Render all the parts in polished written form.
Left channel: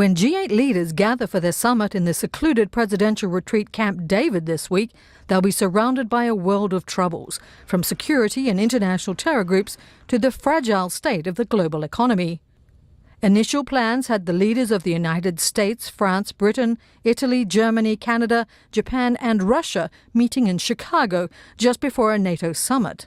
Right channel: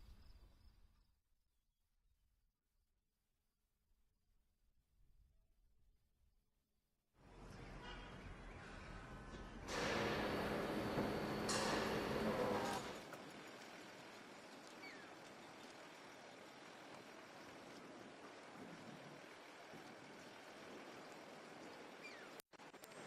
When G8 leaders gather for their summit in the secluded presidential retreat Camp David this week, they'll be surrounded by a world of troubles, from security and international terror groups to the fragile state of the global economy. Initial plans had the leaders of the United States, France, Britain, Italy, Germany, Canada, Japan and Russia meeting in Chicago just before a NATO summit.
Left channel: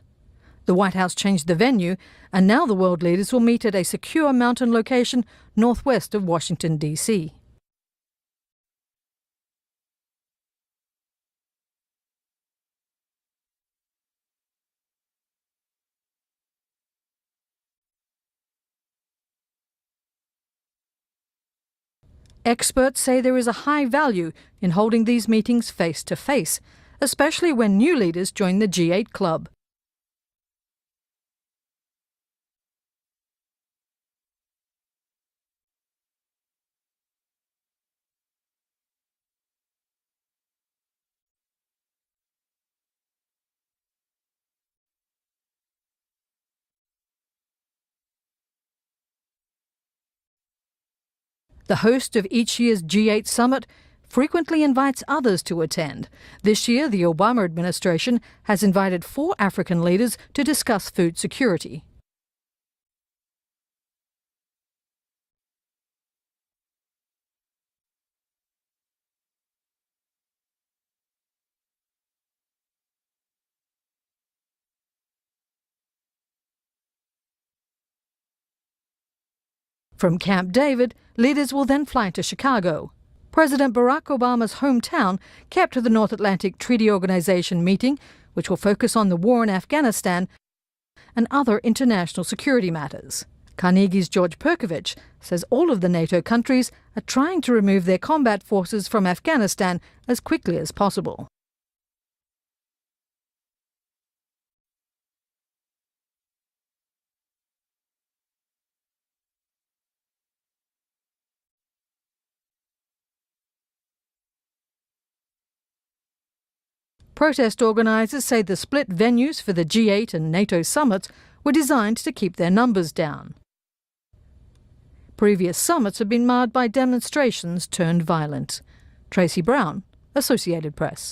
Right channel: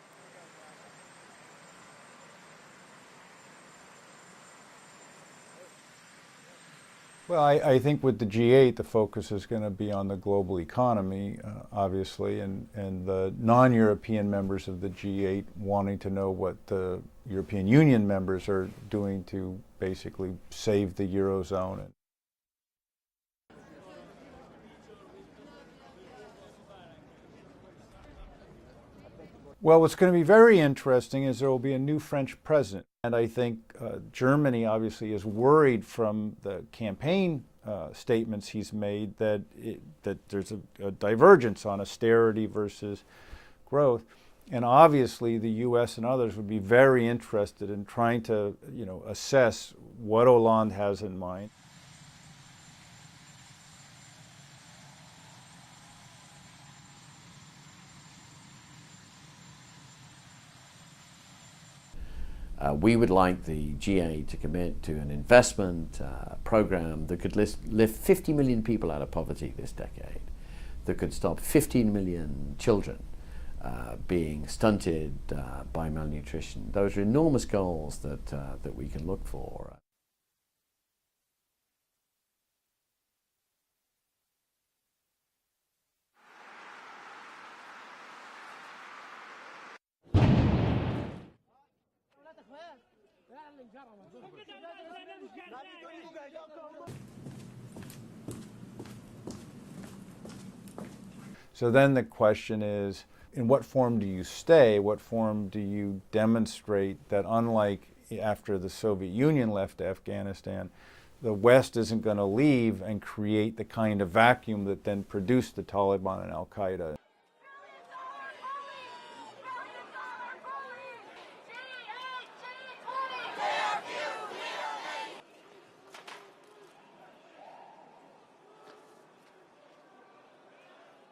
The White House changed the venue, and now the world leaders will meet at a secure mountain location northwest of Washington, D.C. Well, I think with the G8, the focus is going to be on the global economy, obviously, and the non-European members of the G8 wanting to know what the European Union members are doing to basically save the Eurozone. Experts say there is a high value in holding these meetings face-to-face, especially when new leaders join the G8 club. Well, what's going to be very interesting is there will be a new French president. And I think Germany obviously is worried from the campaign statements he's made that there's a divergence on austerity versus growth. And obviously the U.S. and others would be very interested in trying to, assess what Hollande has in mind. The host of each year's G8 summit frequently invites others to attend. This year, the Obama administration has invited 4 African leaders to discuss food security. We would like the G8 to commit to an investment program that could lift 50 million people out of poverty this decade, that could stop 15 million children being stunted by malnutrition. Those are enormous goals that we can look for. From Camp David, leaders will then fly to Chicago. President Barack Obama's hometown kept to the North Atlantic Treaty Organization meeting, which will focus on the war in Afghanistan and other international security matters. Carnegie's George Perkovich says all of the NATO countries are trying to remove their combat forces from Afghanistan as quickly as possible. So then the question is, in what form do you stay? What form do you demonstrate that, unlike after the Soviet Union left Afghanistan, the West isn't going to leave and create the kind of vacuum that then produced the Taliban and al-Qaeda. Protest organizers say the split venues for the G8 and NATO summits were designed to keep their numbers down. Previous summits have been marred by demonstrations turned violent. Tracy Brown, Associated Press.